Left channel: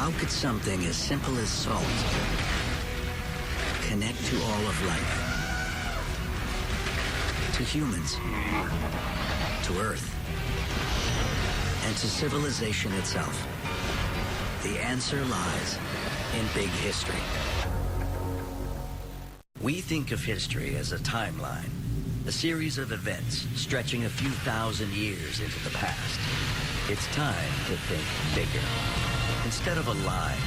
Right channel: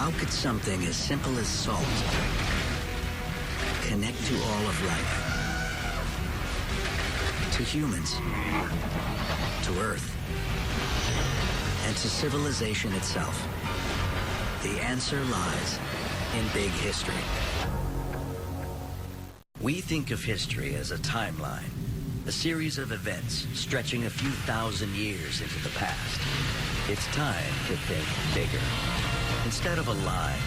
How could something as simple as salt connect to all of life? To humans, to Earth, and to civilization itself? The answer lies in big history. We think of history as a timeline, a series of events stretching a few thousand years into the past. It's time to think bigger. Instead of a line,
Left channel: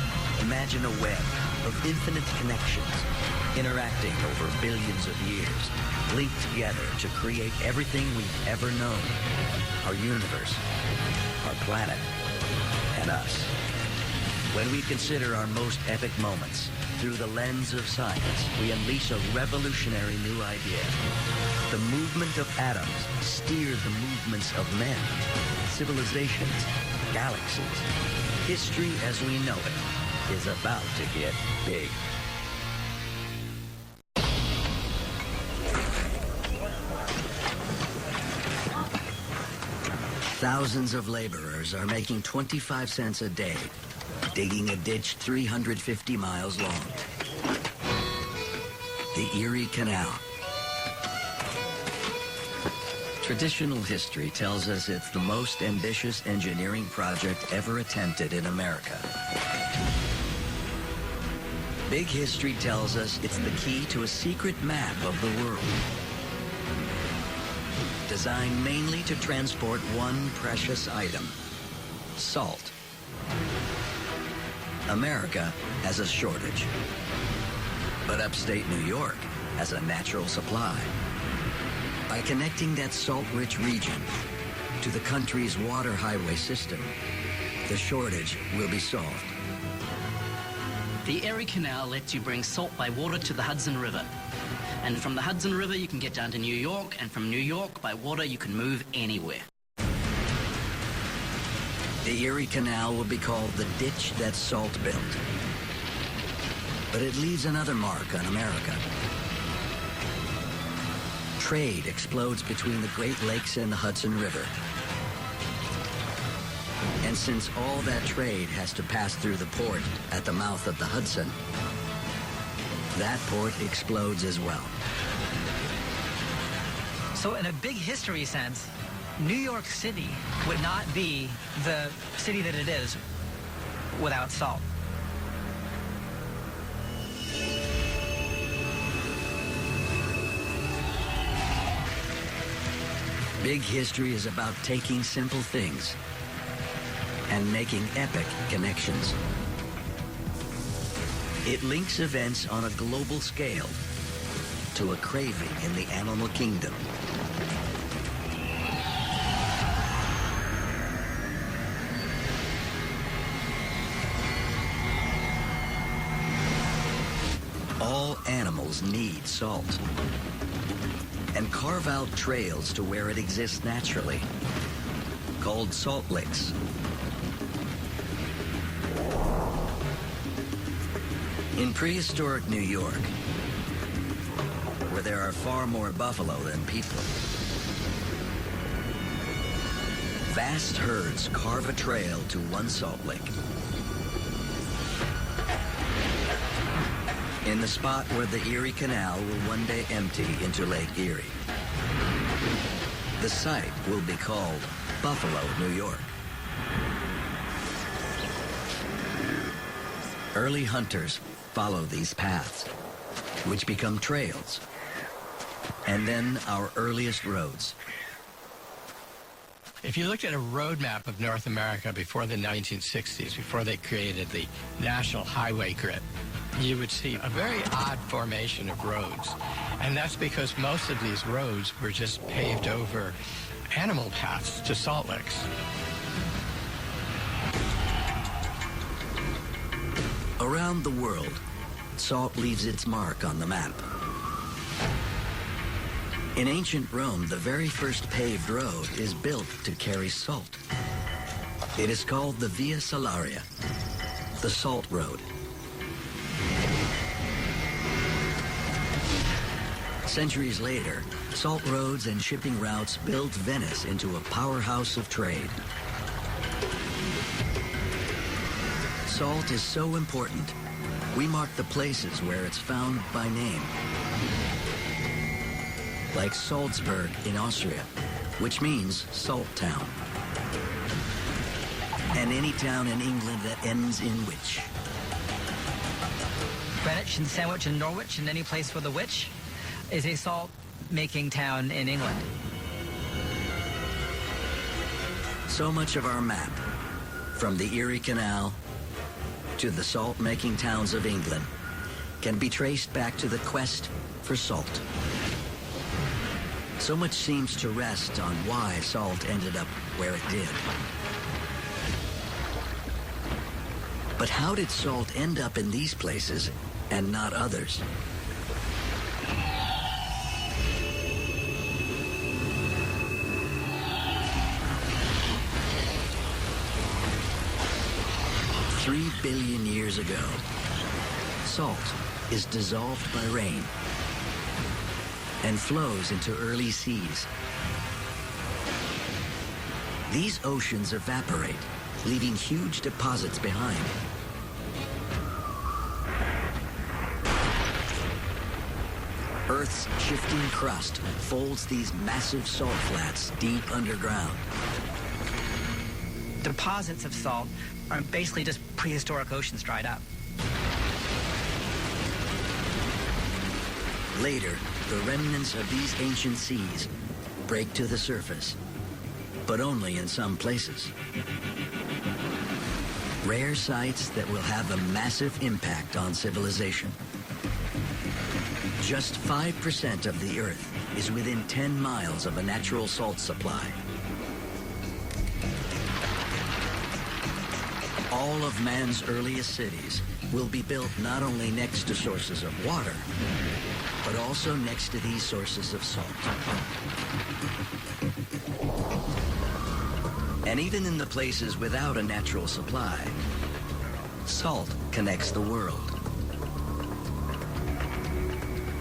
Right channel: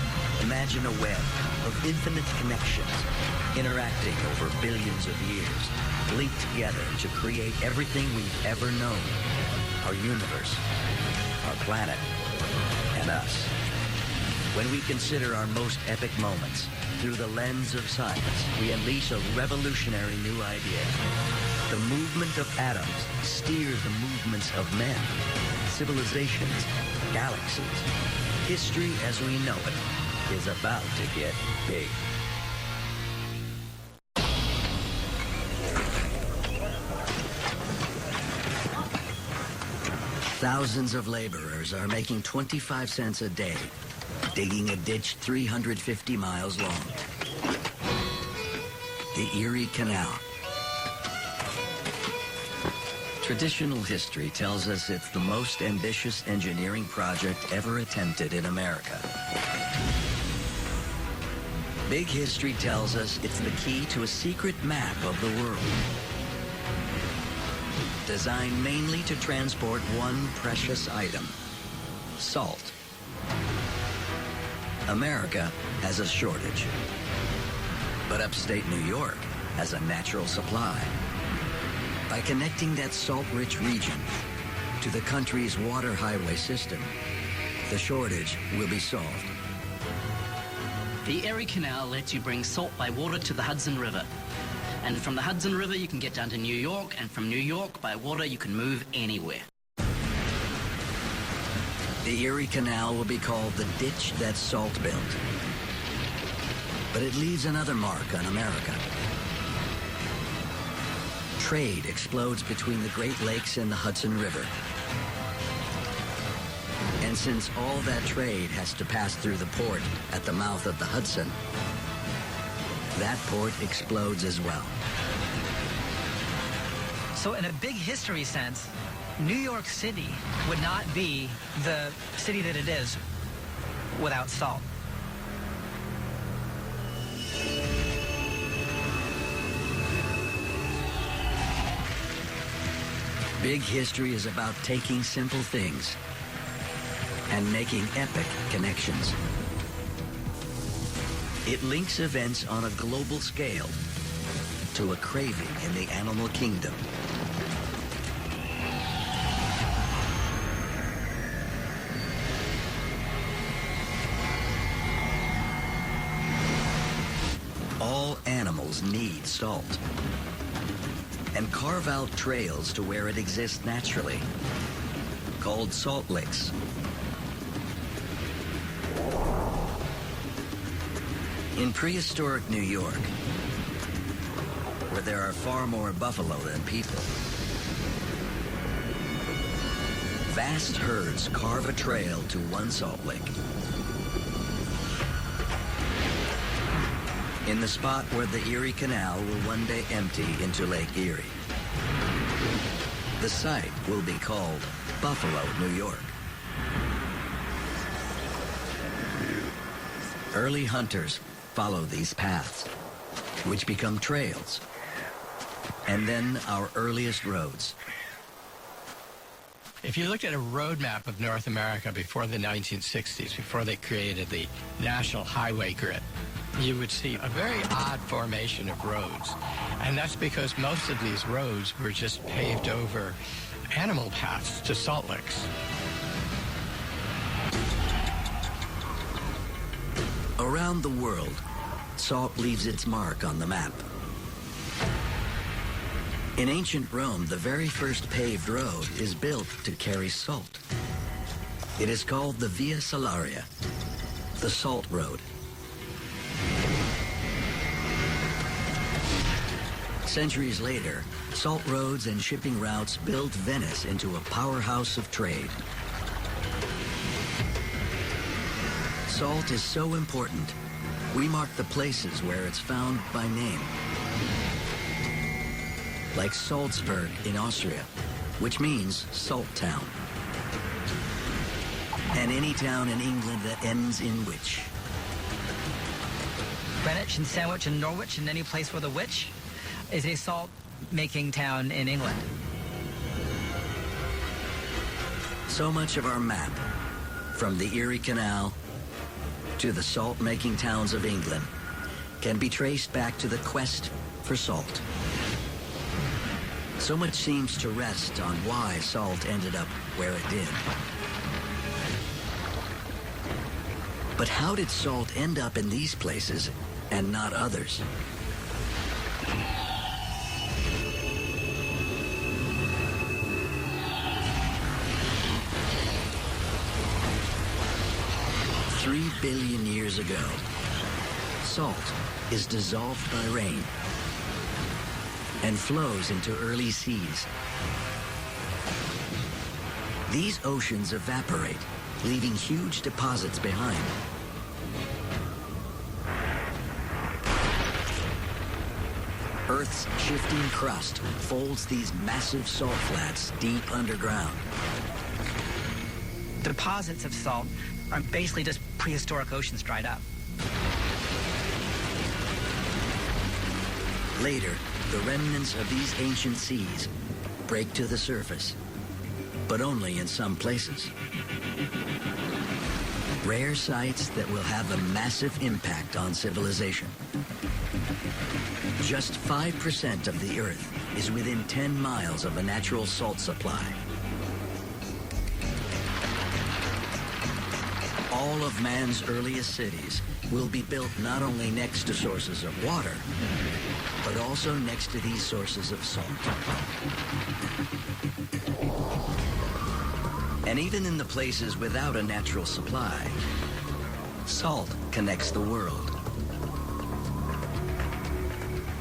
imagine a web of infinite connections, interacting over billions of years, linked together to create everything we've ever known. Our universe, our planet, and us. When we consider our most epic moments through the lens of science, we unleash a revolutionary new idea. The movement of atoms steers the movements of men, civilizations, galaxies. History as we know it is about to get big. Thousands of laborers are making 25 cents a day, digging a ditch 350 miles long. The Erie Canal. Traditional history tells us it's the most ambitious engineering project ever attempted in America. Big history tells us it's the key to a secret map of the world, designed mainly to transport one precious item: salt. America has a shortage, but upstate New York has a natural supply. By connecting that salt-rich region to the country's water highway system, the shortage will be solved. The Erie Canal lets you bring salt by water to the Hudson River. And from the Hudson River, you can get down to New York, and from New York, by water, you can move anywhere. The Erie Canal will be called the ditch that salt built. But it leaves another mark on America. Trade explodes between the Great Lakes and the Hudson River. And since all that trade has to pass through the port at the mouth of the Hudson, that port explodes as well. So in a big history sense, New York City would not be the city that it is without salt. Big history is about taking simple things and making epic connections. It links events on a global scale to a craving in the animal kingdom. All animals need salt, and carve out trails to where it exists naturally, called salt licks. In prehistoric New York, where there are far more buffalo than people, vast herds carve a trail to one salt lick. In the spot where the Erie Canal will one day empty into Lake Erie. The site will be called Buffalo, New York. Early hunters follow these paths, which become trails, and then our earliest roads. If you looked at a road map of North America before the 1960s, before they created the National Highway Grid, you would see a very odd formation of roads. And that's because most of these roads were just paved over animal paths to salt licks. Around the world, salt leaves its mark on the map. In ancient Rome, the very first paved road is built to carry salt. It is called the Via Salaria, the Salt Road. Centuries later, salt roads and shipping routes built Venice into a powerhouse of trade. Salt is so important, we mark the places where it's found by name. Like Salzburg in Austria, which means salt town. And any town in England that ends in witch. Greenwich and Sandwich and Norwich and any place with a witch is a salt-making town in England. So much of our map, from the Erie Canal to the salt-making towns of England, can be traced back to the quest for salt. So much seems to rest on why salt ended up where it did. But how did salt end up in these places and not others? Three billion years ago, salt is dissolved by rain and flows into early seas. These oceans evaporate, leaving huge deposits behind. Earth's shifting crust folds these massive salt flats deep underground. Deposits of salt are basically just prehistoric oceans dried up. Later, the remnants of these ancient seas break to the surface, but only in some places. Rare sites that will have a massive impact on civilization. Just 5% of the Earth is within 10 miles of a natural salt supply. All of man's earliest cities will be built not only next to sources of water, but also next to these sources of salt. And even in the places without a natural supply, salt connects the world.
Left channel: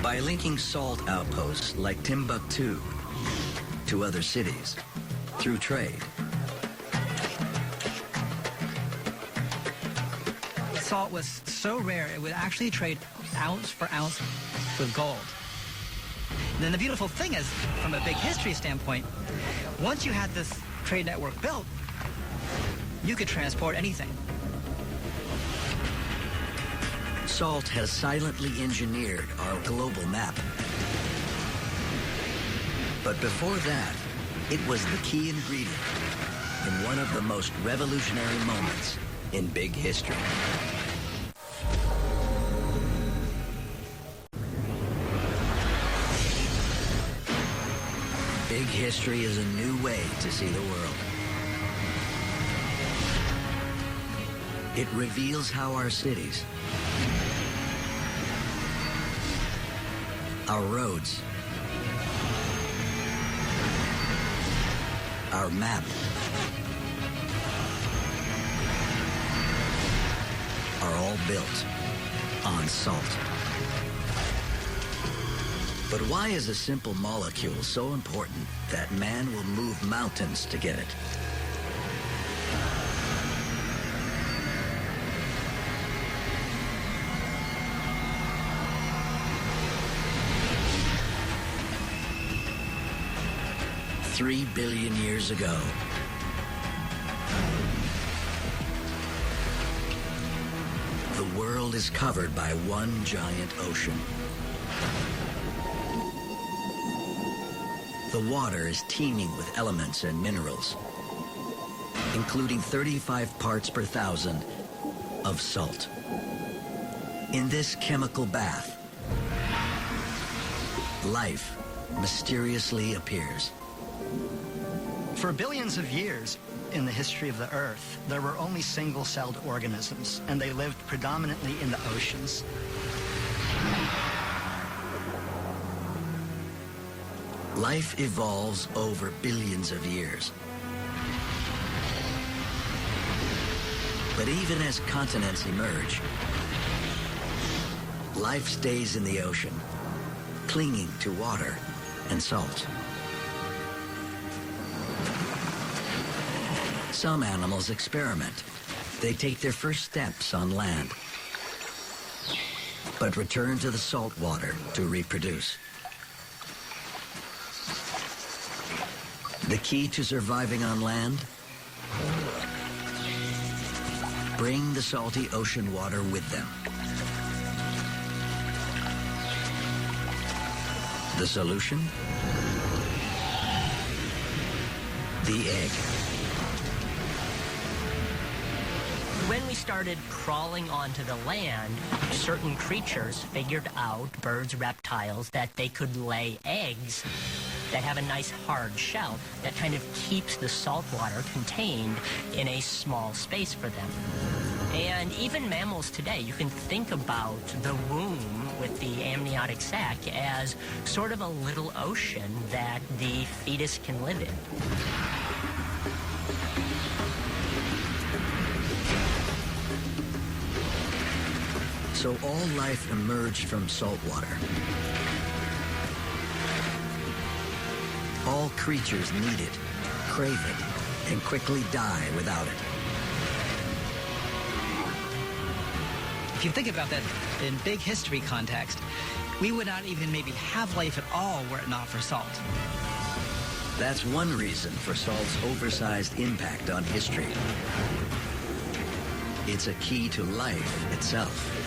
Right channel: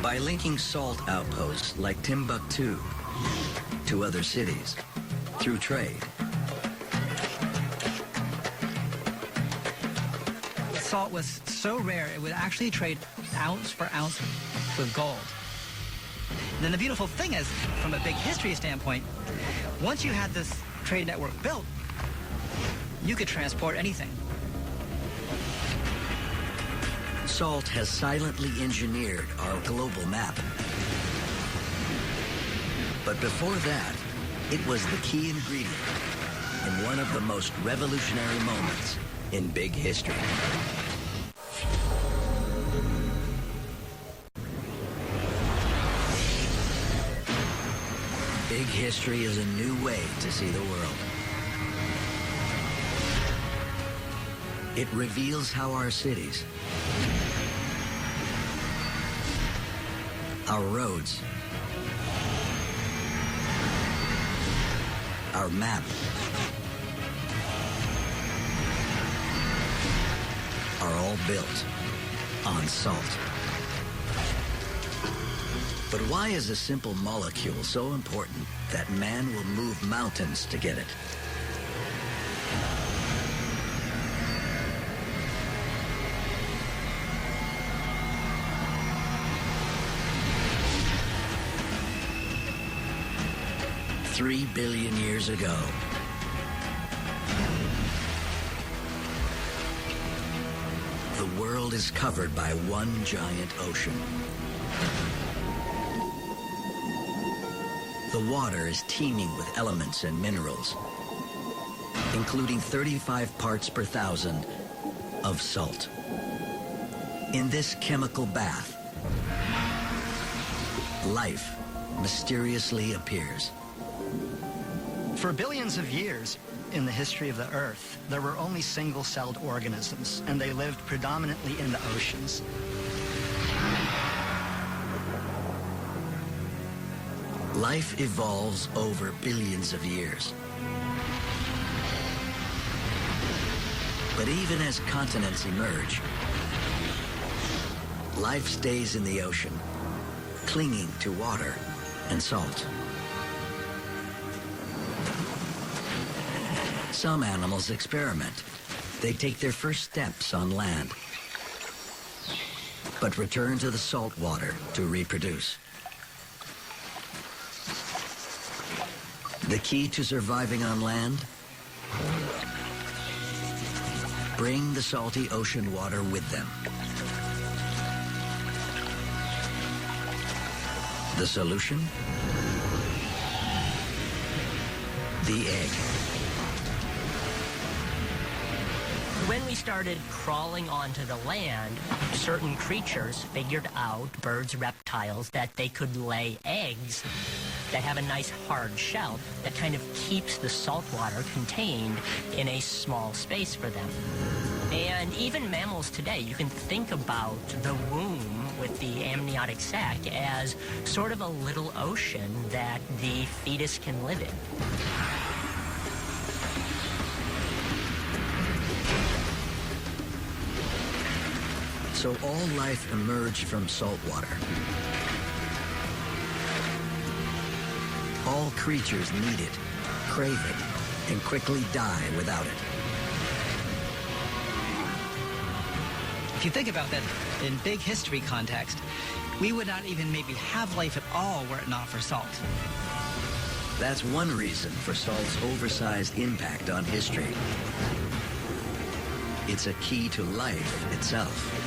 By linking salt outposts like Timbuktu to other cities through trade. Salt was so rare, it would actually trade ounce for ounce with gold. Then the beautiful thing is, from a big history standpoint, once you had this trade network built, you could transport anything. Salt has silently engineered our global map. But before that, it was the key ingredient in one of the most revolutionary moments in big history. Big history is a new way to see the world. It reveals how our cities, our roads, our map, are all built on salt. But why is a simple molecule so important that man will move mountains to get it? $3 billion years ago, the world is covered by one giant ocean. The water is teeming with elements and minerals, including 35 parts per thousand of salt. In this chemical bath, life mysteriously appears. For billions of years in the history of the Earth, there were only single-celled organisms, and they lived predominantly in the oceans. Life evolves over billions of years. But even as continents emerge, life stays in the ocean, clinging to water and salt. Some animals experiment, They take their first steps on land, but return to the salt water to reproduce. The key to surviving on land? Bring the salty ocean water with them. The solution? The egg. When we started crawling onto the land, certain creatures figured out, birds, reptiles, that they could lay eggs that have a nice hard shell that kind of keeps the salt water contained in a small space for them. And even mammals today, you can think about the womb with the amniotic sac as sort of a little ocean that the fetus can live in. So all life emerged from salt water. All creatures need it, crave it, and quickly die without it. If you think about that in big history context, we would not even maybe have life at all were it not for salt. That's one reason for salt's oversized impact on history. It's a key to life itself.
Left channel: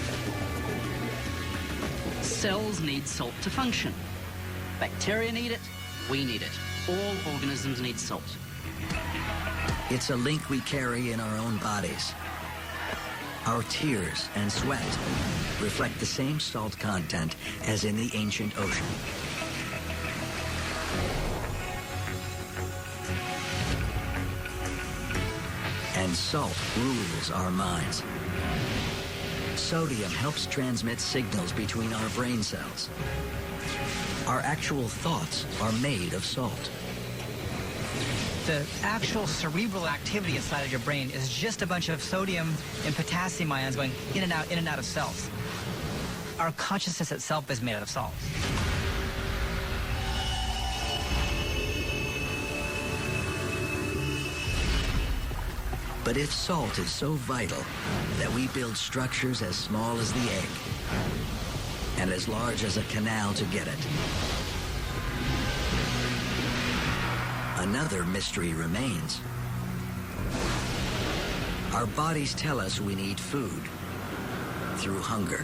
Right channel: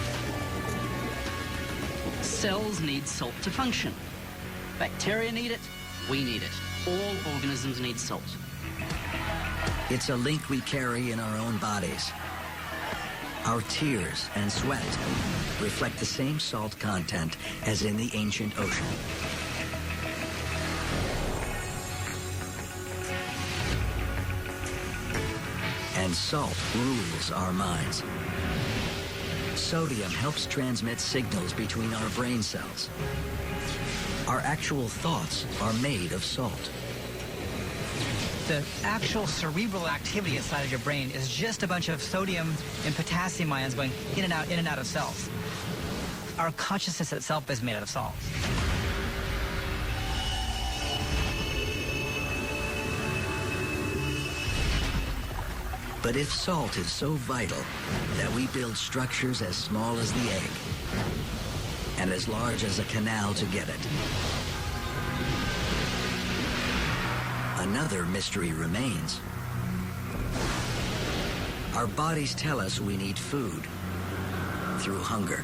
Cells need salt to function. Bacteria need it. We need it. All organisms need salt. It's a link we carry in our own bodies. Our tears and sweat reflect the same salt content as in the ancient ocean. And salt rules our minds. Sodium helps transmit signals between our brain cells. Our actual thoughts are made of salt. The actual cerebral activity inside of your brain is just a bunch of sodium and potassium ions going in and out of cells. Our consciousness itself is made out of salt. But if salt is so vital that we build structures as small as the egg and as large as a canal to get it, another mystery remains. Our bodies tell us we need food through hunger.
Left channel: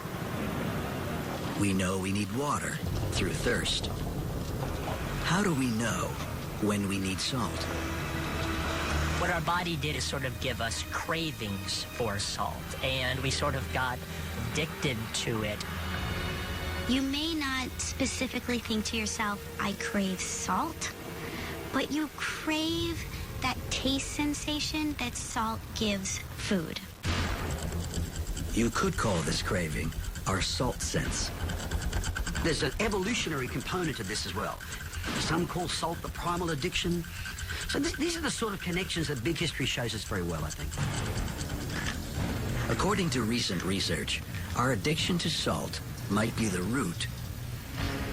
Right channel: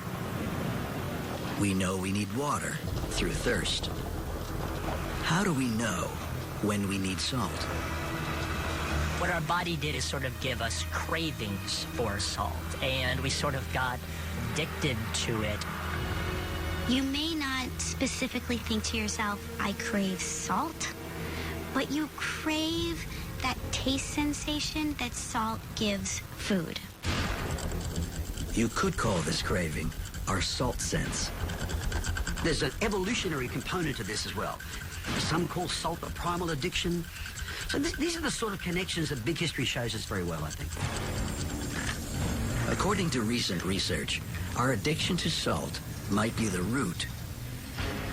We know we need water through thirst. How do we know when we need salt? What our body did is sort of give us cravings for salt, and we sort of got addicted to it. You may not specifically think to yourself, I crave salt, but you crave that taste sensation that salt gives food. You could call this craving our salt sense. There's an evolutionary component to this as well. Some call salt a primal addiction. So these are the sort of connections that big history shows us very well, I think. According to recent research, our addiction to salt might be the root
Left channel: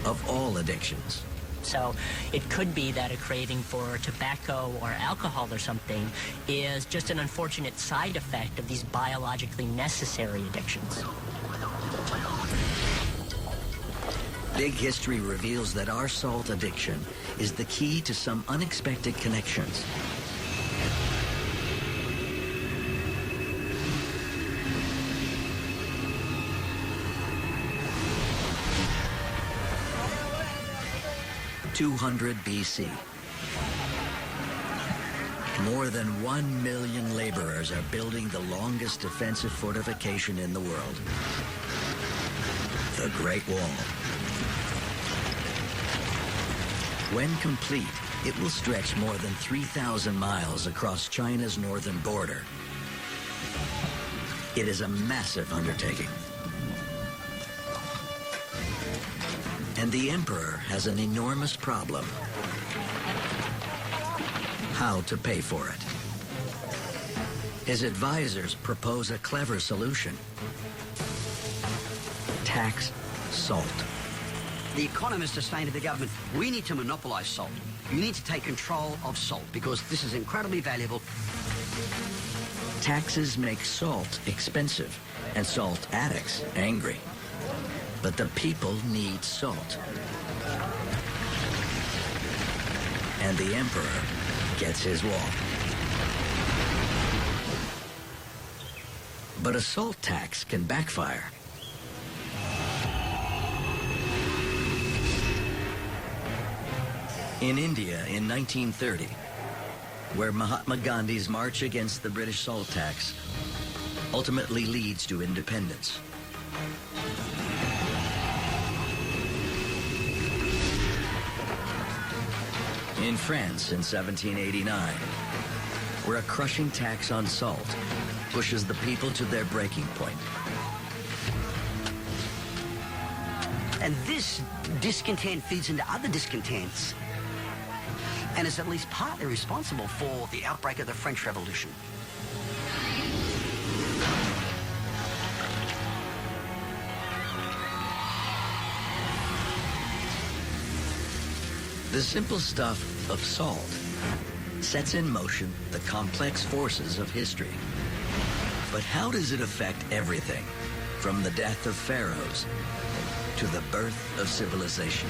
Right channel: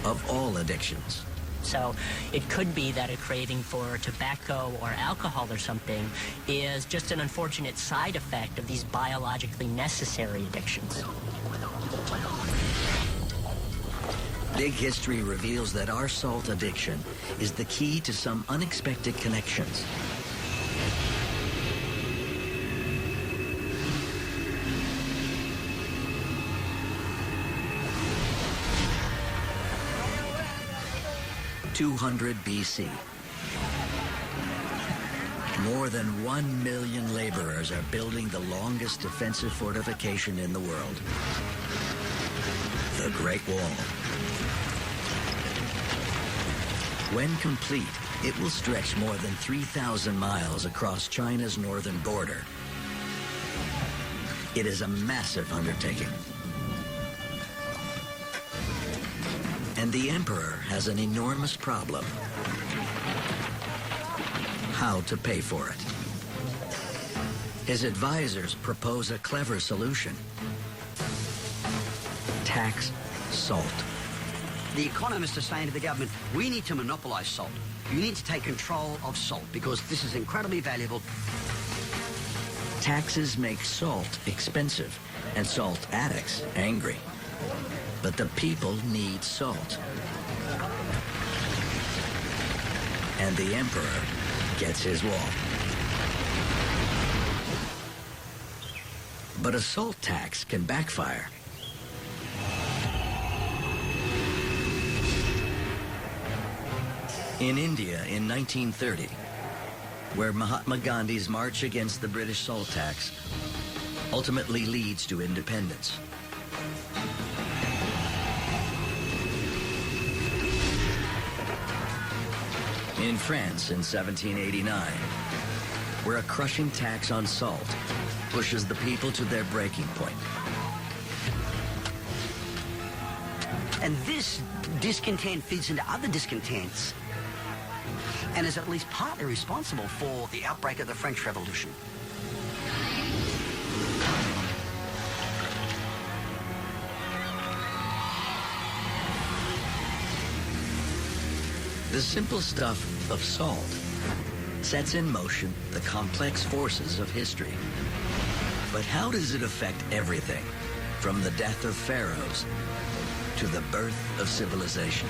of all addictions. So it could be that a craving for tobacco or alcohol or something is just an unfortunate side effect of these biologically necessary addictions. Big history reveals that our salt addiction is the key to some unexpected connections. (200 BC). More than 1 million laborers are building the longest defensive fortification in the world, the Great Wall. When complete, it will stretch more than 3,000 miles across China's northern border. It is a massive undertaking. And the emperor has an enormous problem: how to pay for it. His advisors propose a clever solution: tax salt. The economists are saying to the government, we need to monopolise salt. You need to take control of salt because this is incredibly valuable. Taxes make salt expensive and salt addicts angry. But the people need salt. And the emperor gets his way. But a salt tax can backfire. In India in 1930, where Mahatma Gandhi's march against the British salt tax ultimately leads to independence. In France in 1789, where a crushing tax on salt pushes the people to their breaking point. And this discontent feeds into other discontents and is at least partly responsible for the outbreak of the French Revolution. The simple stuff of salt sets in motion the complex forces of history. But how does it affect everything, from the death of pharaohs to the birth of civilization?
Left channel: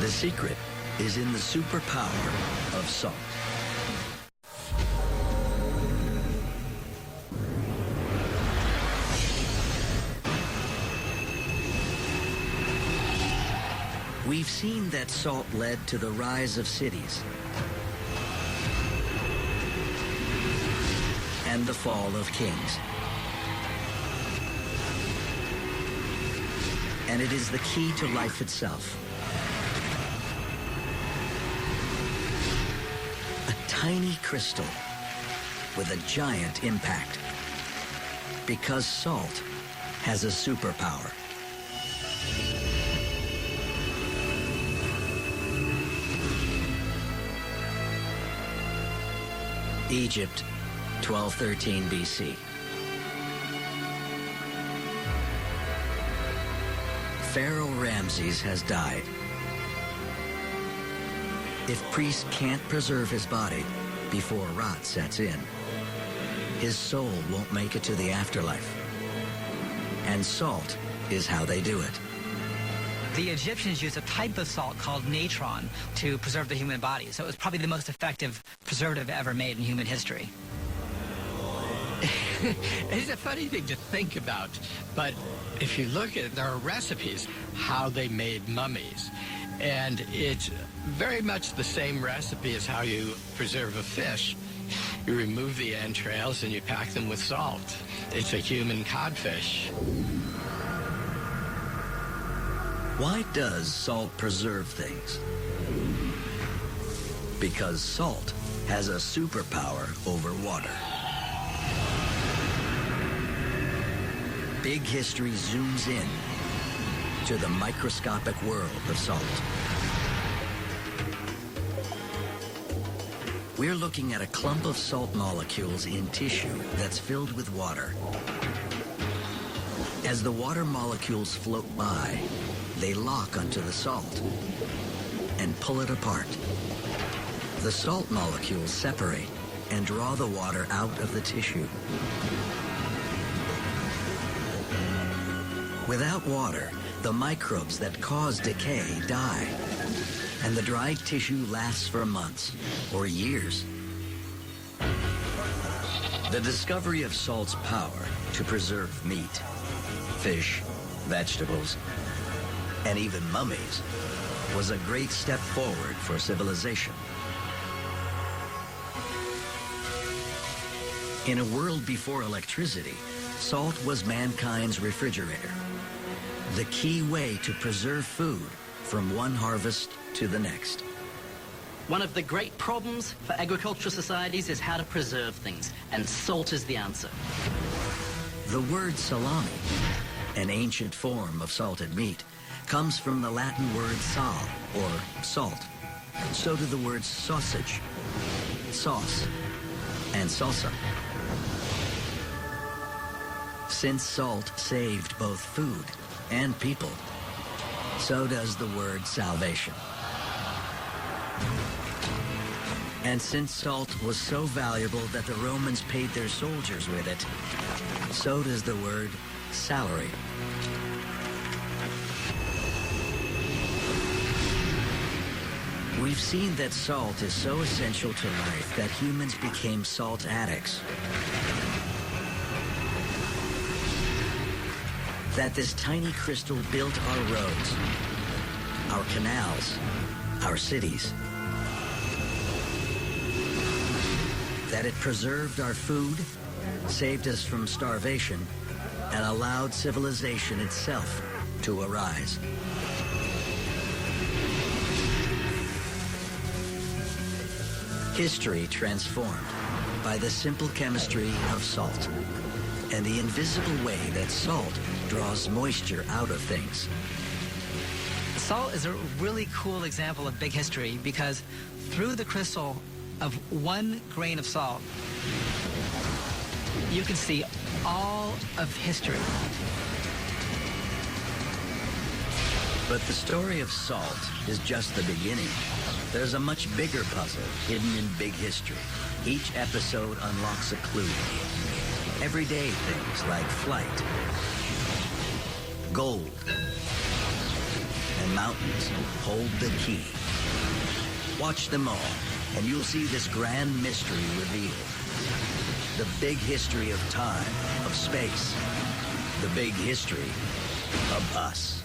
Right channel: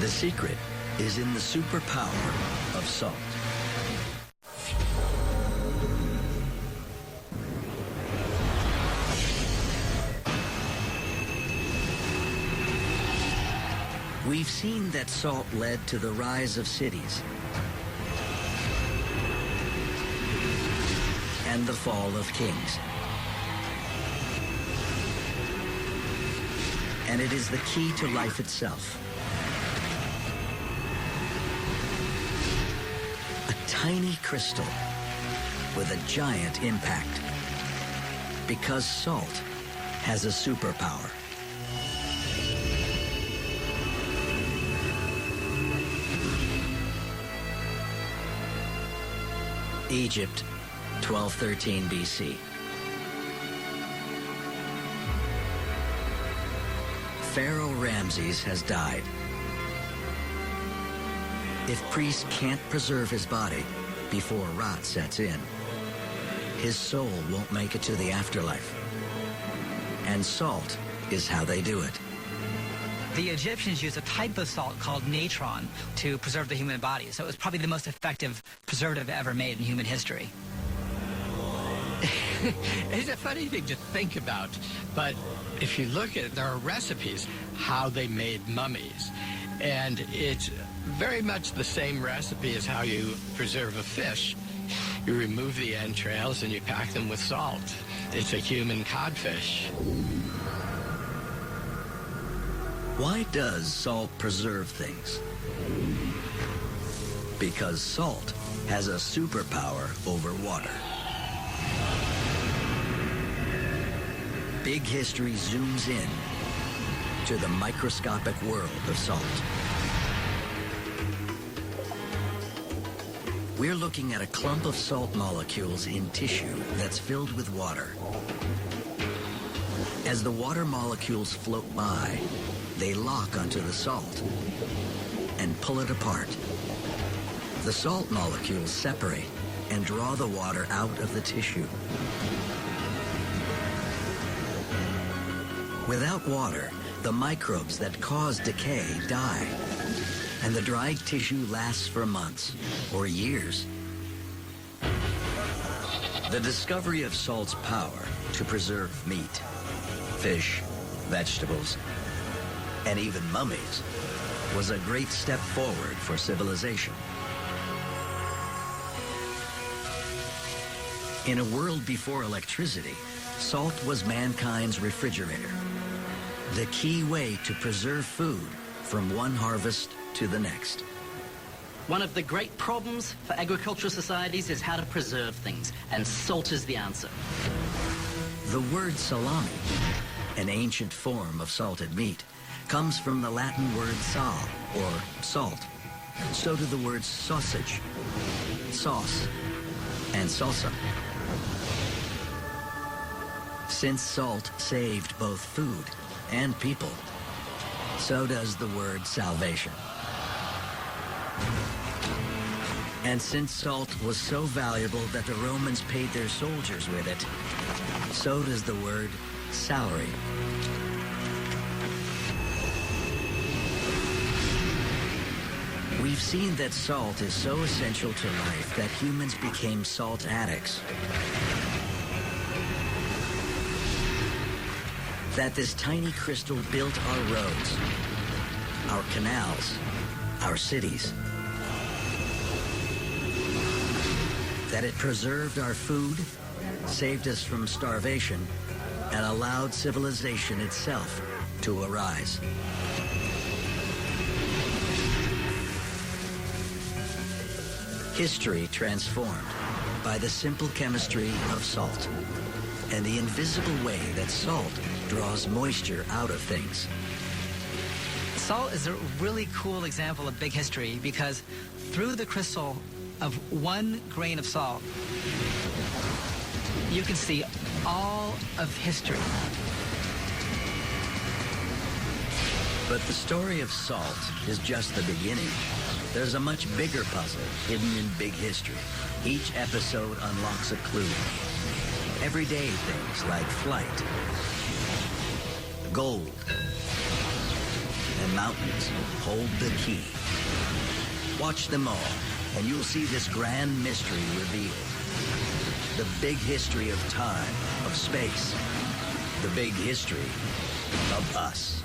The secret is in the superpower of salt. We've seen that salt led to the rise of cities and the fall of kings. And it is the key to life itself. A tiny crystal with a giant impact. Because salt has a superpower. Egypt, 1213 BC. Pharaoh Ramses has died. If priests can't preserve his body before rot sets in, his soul won't make it to the afterlife. And salt is how they do it. The Egyptians used a type of salt called natron to preserve the human body, so it was probably the most effective preservative ever made in human history. It's a funny thing to think about, but if you look at it, there are recipes how they made mummies, and it's very much the same recipe as how you preserve a fish. You remove the entrails and you pack them with salt. It's a human codfish. Why does salt preserve things? Because salt has a superpower over water. Big History zooms in to the microscopic world of salt. We're looking at a clump of salt molecules in tissue that's filled with water. As the water molecules float by, they lock onto the salt and pull it apart. The salt molecules separate and draw the water out of the tissue. Without water, the microbes that cause decay die, and the dried tissue lasts for months or years. The discovery of salt's power to preserve meat, fish, vegetables, and even mummies was a great step forward for civilization. In a world before electricity, salt was mankind's refrigerator, the key way to preserve food from one harvest to the next. One of the great problems for agricultural societies is how to preserve things, and salt is the answer. The word salami, an ancient form of salted meat, comes from the Latin word sal, or salt, and so do the words sausage, sauce, and salsa. Since salt saved both food and people, so does the word salvation. And since salt was so valuable that the Romans paid their soldiers with it, so does the word salary. We've seen that salt is so essential to life that humans became salt addicts. That this tiny crystal built our roads, our canals, our cities. That it preserved our food, saved us from starvation, and allowed civilization itself to arise. History transformed by the simple chemistry of salt and the invisible way that salt draws moisture out of things. Salt is a really cool example of big history because through the crystal of one grain of salt, you can see all of history. But the story of salt is just the beginning. There's a much bigger puzzle hidden in big history. Each episode unlocks a clue. Everyday things like flight, gold, and mountains hold the key. Watch them all, and you'll see this grand mystery revealed. The big history of time, of space. The big history of us.